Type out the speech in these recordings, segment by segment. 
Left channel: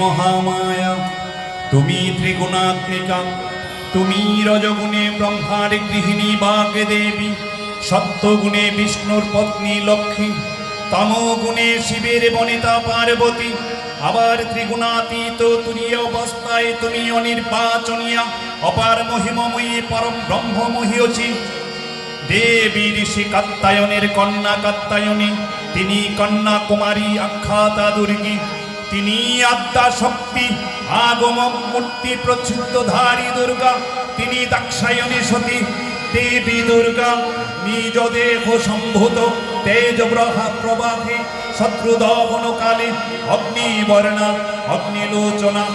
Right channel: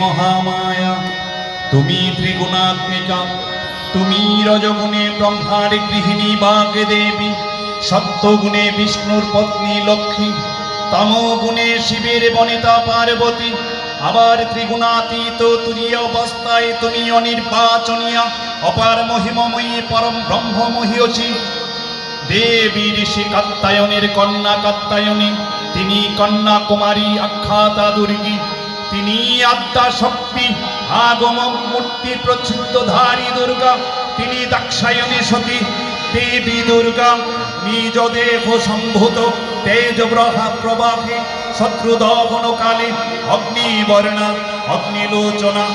মহামায়া, তুমি ত্রিগুণাত্মিকা, তুমি রজগুণে ব্রহ্মার গৃহিণী বাগে দেবী, সত্যগুণে বিষ্ণুর পত্নী লক্ষ্মী, তমগুণে শিবের বনিতা পার্বতী, আবার ত্রিগুণাতীত তুরীয় অবস্থায় তুমি অনির্বাচনীয়া অপার মহিমময়ী পরম ব্রহ্মমহীয়সী দেবী। ঋষি কাত্যায়নের কন্যা কাত্যায়নী, তিনি কন্যা কুমারী আখ্যাতা দুর্গী, তিনি আদ্যা শক্তি আগম মূর্তি প্রচ্ছিদ্যধারী দুর্গা, তিনি দাক্ষায়ণী সতী দেবী দুর্গা। নিজ দেহ সম্ভূত তেজ প্রবাহে শত্রুদহনকালে অগ্নিবর্ণা অগ্নিলোচনা,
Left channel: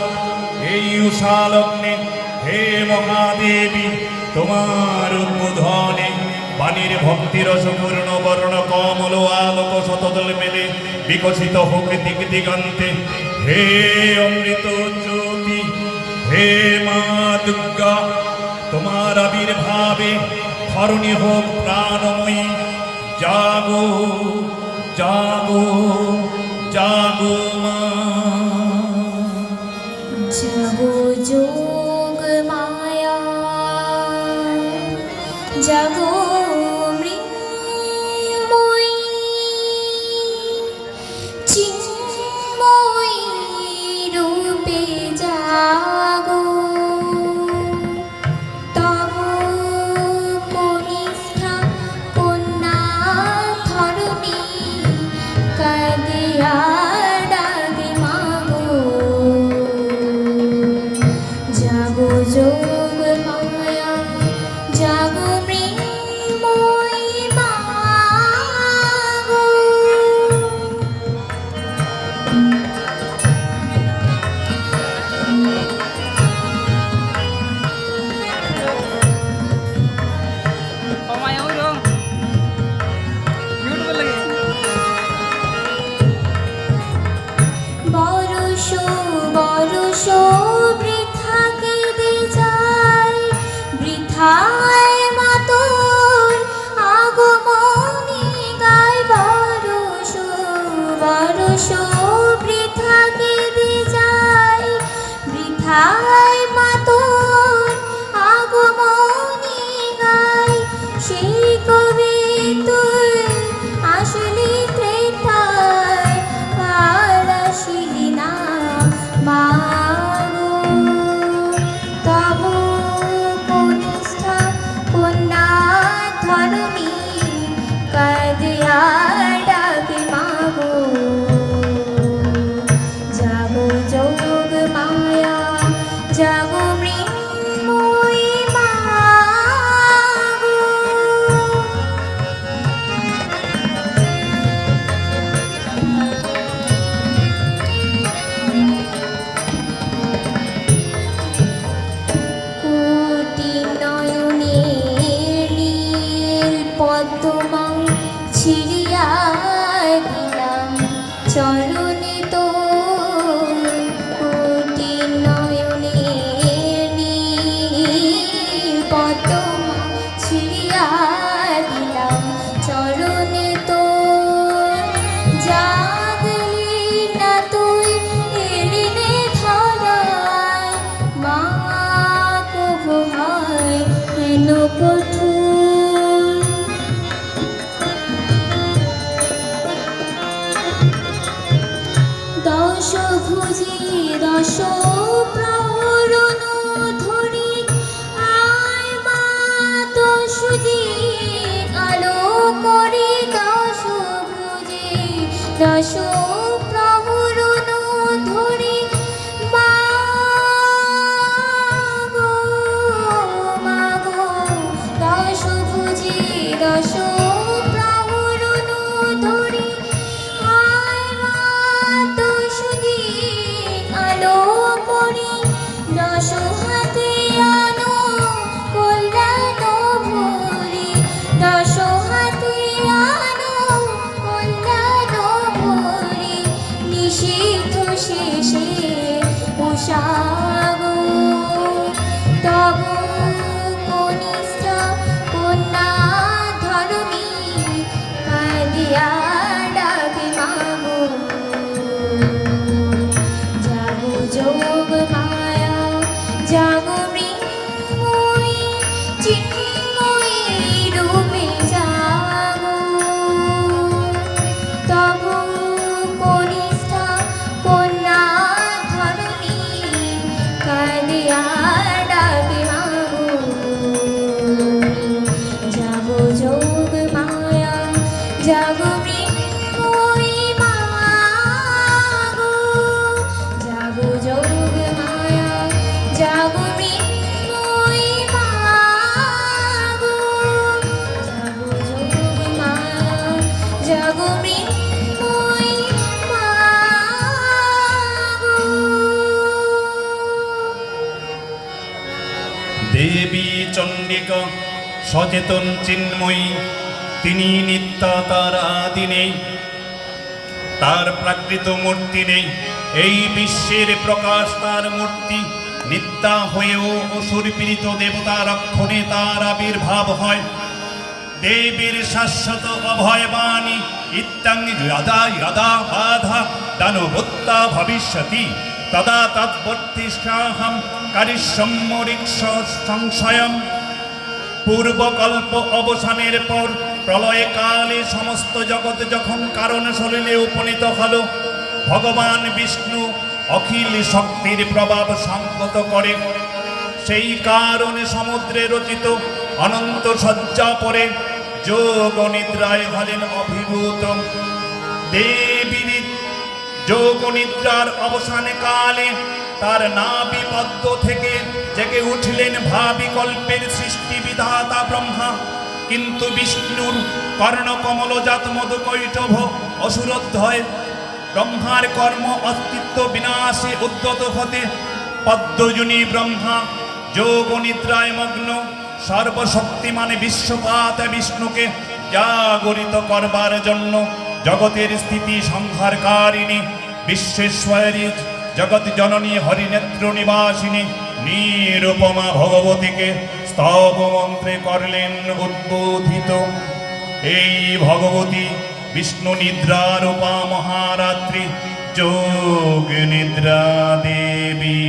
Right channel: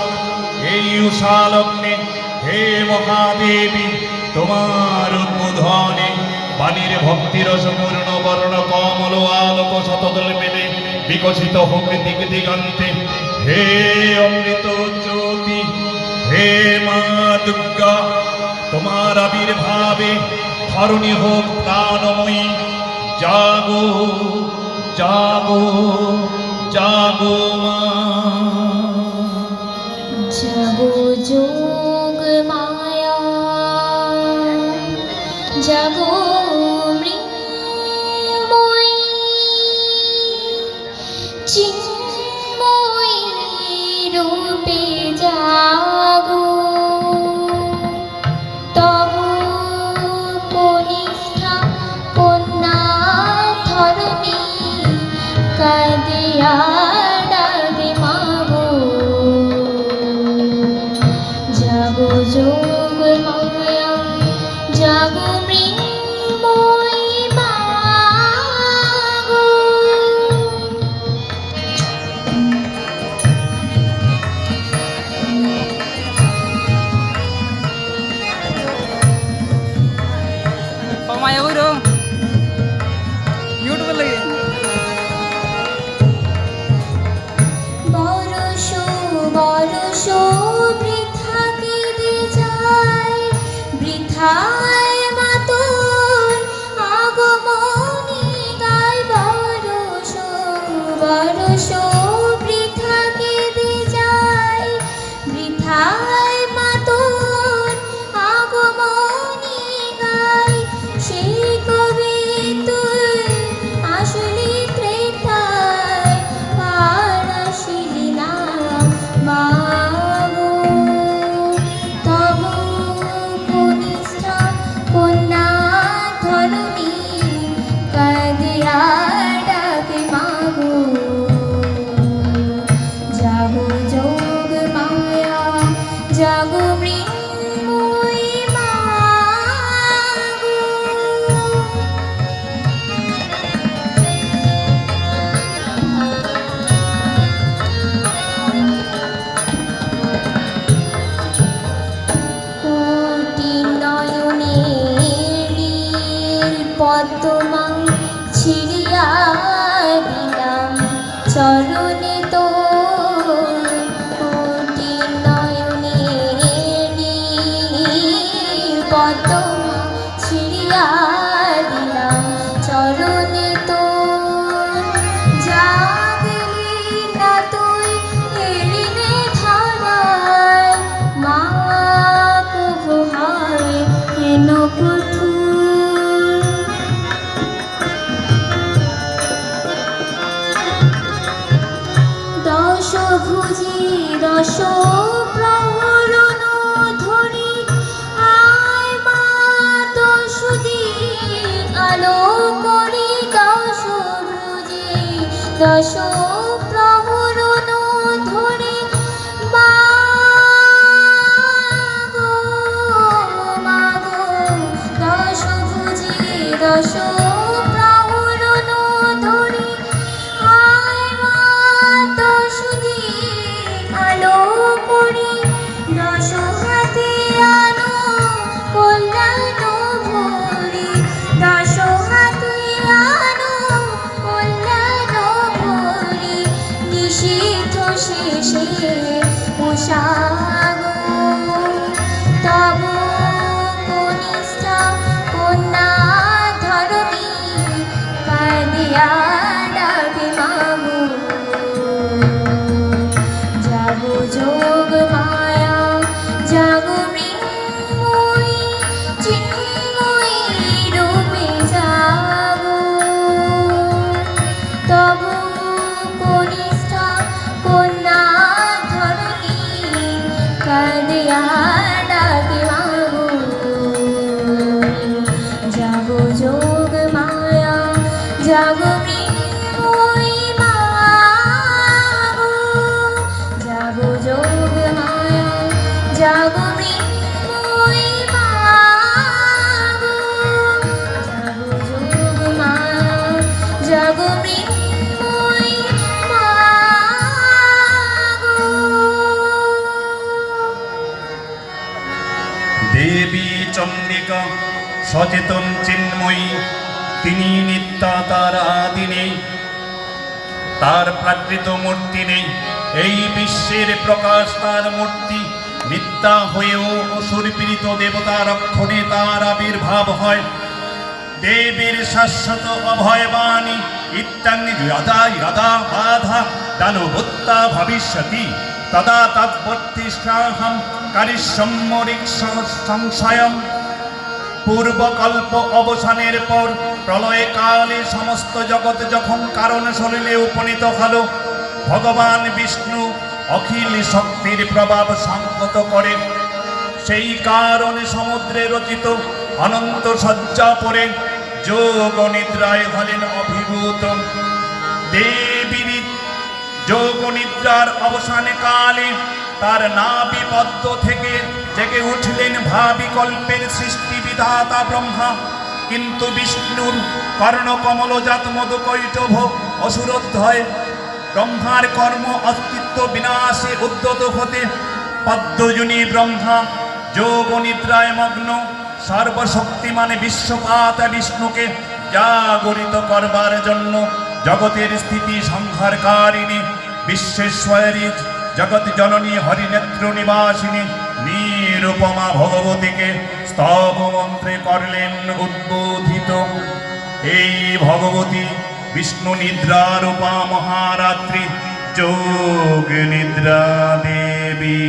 এই উষালগ্নে হে মহাদেবী তোমার উদ্বোধনে বাণীর ভক্তিরসপূর্ণ বর্ণ কমল আলোক শতদল মেলে বিকশিত হোক দিক দিগন্তে। হে অমৃত জ্যোতি, হে মা দুর্গা, তোমার আবির্ভাবে ধরণী হোক প্রাণময়ী। জাগো জাগো জাগো মা, জাগো যোগ মায়া, জাগো মৃন্ময়ী, চিন্ময়ী রূপে জাগো। তব কনিষ্ঠা কন্যা ধরণী কাঁদিয়া ডাকে মাগো। জাগো যোগ মায়া, জাগো মৃন্ময়ী মাগো। মায়া বইরো ইউটিউবে লাগে বরষ বরষ বৃথা কেঁদে যায়, বৃথায় মাতর আগমনী গায়। বরষ বরষ বৃথা কেঁদে যায়, বৃথায় মাতর আগমনী গায়। সেই কবি তুই আসলি ত্রেতায়, আর আসিলি না মাগো। তব কনিষ্ঠা কন্যা ধরণী কাঁদিয়া ডাকে মাগো। জাগো যোগ মায়া, জাগো মৃন্ময়ী মাগো। কোটি নয়নে নীল পদ্মা ছিড়িয়া দিলাম চরণে তোর। কোটি নয়নে নীল পদ্মা ছিড়িয়া দিলাম চরণে তোর। জাগলি না তুই এলি নে ধারায়, মা প্রভু হয় হেন কঠোর। দশ ভুজি দশ প্রহরণ ধরি আয় মা, দশ দিন আলো করি। দশ ভুজি দশ প্রহরণ ধরি মাগো মাগো। দশ ভুজি দশ প্রহরণ ধরি আয় মা, দশ দিন আলো করি। দশ হাতে আনো কল্যাণ ভরি, দশ হাতে আনো কল্যাণ ভরি। নিষিদ্ধ শেষে উষাগো, তব কনিষ্ঠা কন্যা ধরণী কাঁদিয়া ডাকে মাগো। জাগো দেবী চণ্ডিকা সচেতন চিন্ময়ী, তিনি নিত্যা, তার আদি নেই, তার প্রাকৃত মূর্তি নেই। এই বিশ্বের প্রকাশ তার মূর্তি, নিত্যা হয়েও অসুর পীড়িত দেবতা রক্ষণে তার আবির্ভাব হয়। দেবীর শাশ্বত অভয়বাণী ইত্যাং যদা যদা বাধা দানবত্তা ভবিষ্যতি তদা তদ্বর্তিষ্যাহং কারিষ্যম্যরিক সংশয়ম। পূর্বকল্প অবসানের পর প্রলয় কালে সমস্ত জগৎ যখন কারণ শরীরে উপনীত হল, ভগবান বিষ্ণু অখিল শক্তির প্রভাব সংহত করে সেই কারণে সমুদ্রে রচিত অনন্ত শয্যা পরে যোগ নিদ্রায় হলেন অভিভূত। দেবী যোগ নিদ্রার অবসানে কালে তার নাভি পদ্ম থেকে জেগে উঠলেন ভাবিকল্পের সৃষ্টি বিধাতা ব্রহ্মা। কিন্তু বিষ্ণুর কর্ণকমলজাত মধুকৈটভ অসুরোদ্ধয় ব্রহ্মার কর্ম অস্তিত্ব বিনাশে উদ্যত হতে পদ্মজনী ব্রহ্মা যোগ নিদ্রায় মগ্ন সর্বশক্তিমান বিশ্বপাত বিষ্ণুকে জাগরিত করবার জন্য জগতের স্থিতি সংহারকারিণী বিশ্বেশ্বরী জগৎ জননী হরিনেত্র নিবাসিনী নিরুপমা ভগবতীকে স্তব মন্ত্রে করলেন উদ্বোধিত। এই ভগবতী বিষ্ণু নিদ্রারূপা মহারাত্রি যোগ নিদ্রা দেবী।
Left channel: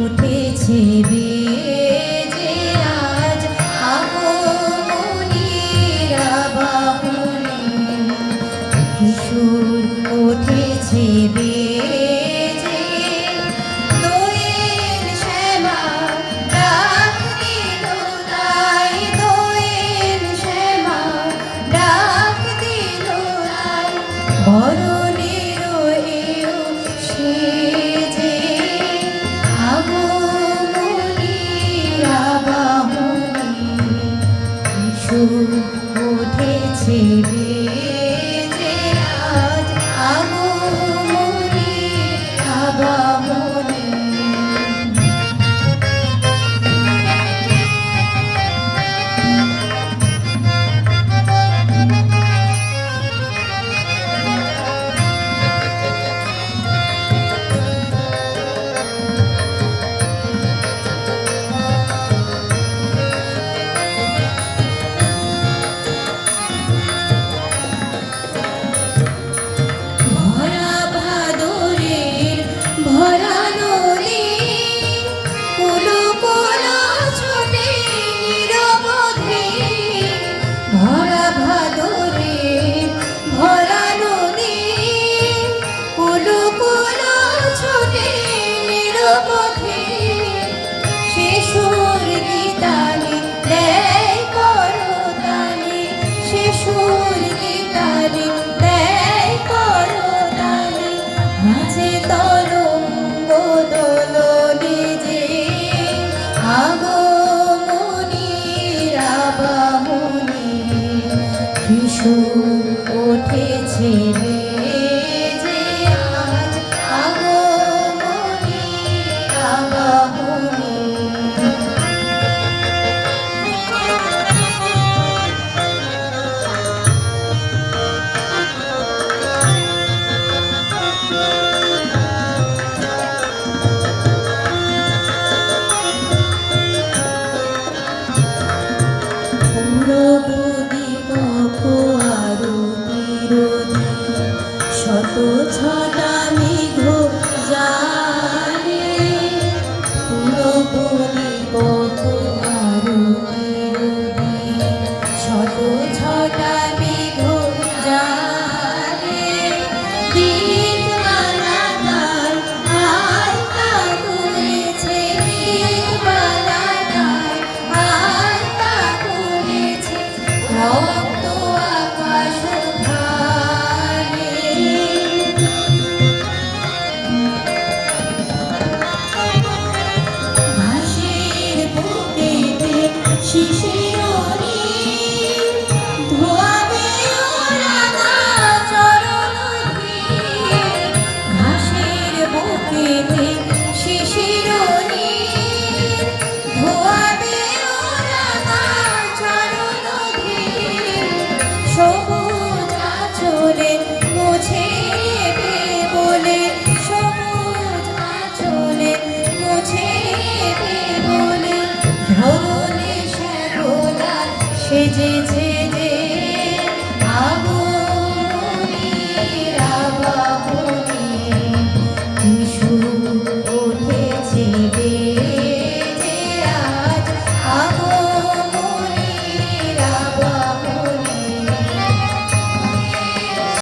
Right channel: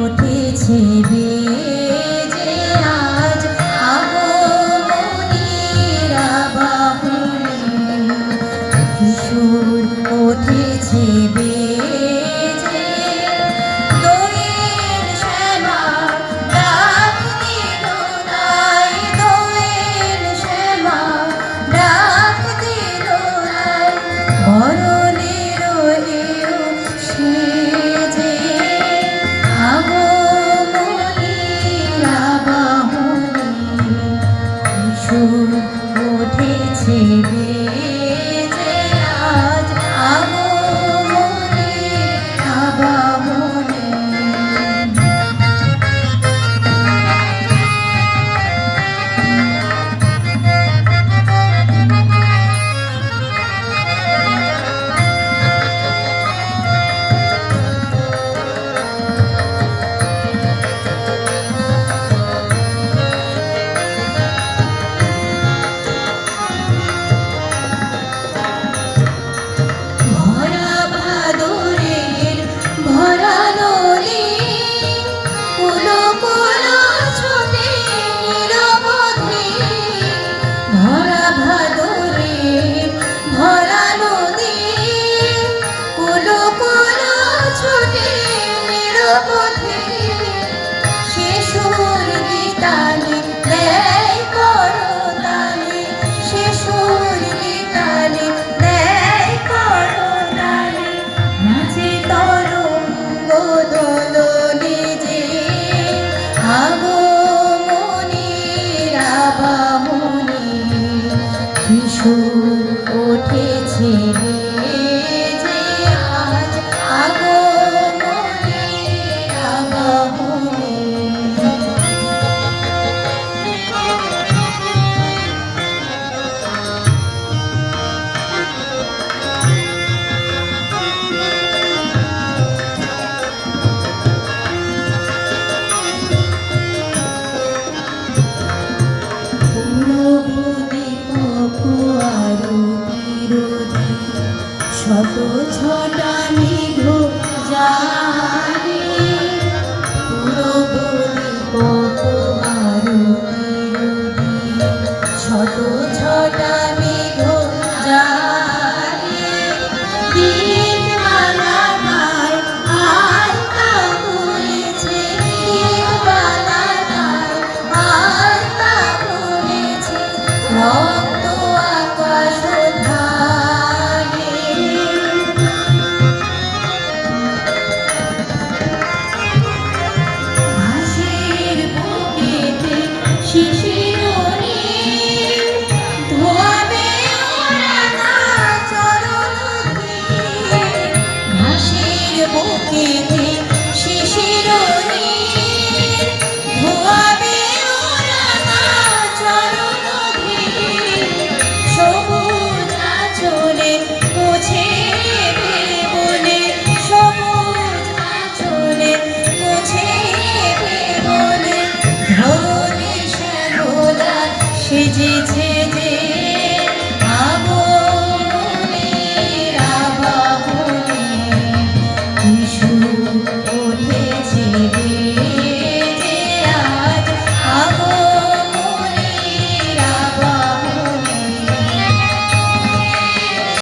উঠেছে বেজে আজ আগমনীর বাহনে, কিশোর উঠেছে বেজে দোয়েল শ্যামা ডাক দিল তাই, দোয়েল শ্যামা ডাক দিল তাই, বরণের এও সেজে আগমনীর বাহনে, কিশোর উঠেছে বেজে আজ আগমনীর বাহনে। ভরা ভাদরের ভরা নদী, কুলো কুলো ছোটে নিরবধি। ভরা ভাদরের ভরা নদী, কুলো কুলো ছোটে নিরবধি। শিশুর গীতানে দেয় করতালি, শিশুর গীতানে দেয় করতালি, নাচে তরঙ্গ দোলনে যে আগমনীর বাহনে, কিশোর উঠেছে বেজে আজ আগমনীর বাহনে। শত ছটা মেঘ জানে, পুরবলি কত আরতি, শত ছটা মেঘ জানে। দিনমালা গায় আলতা করেছে, দিনমালা গায় আলতা করেছে, রক্ত আকাশ ধারে। সেজেছে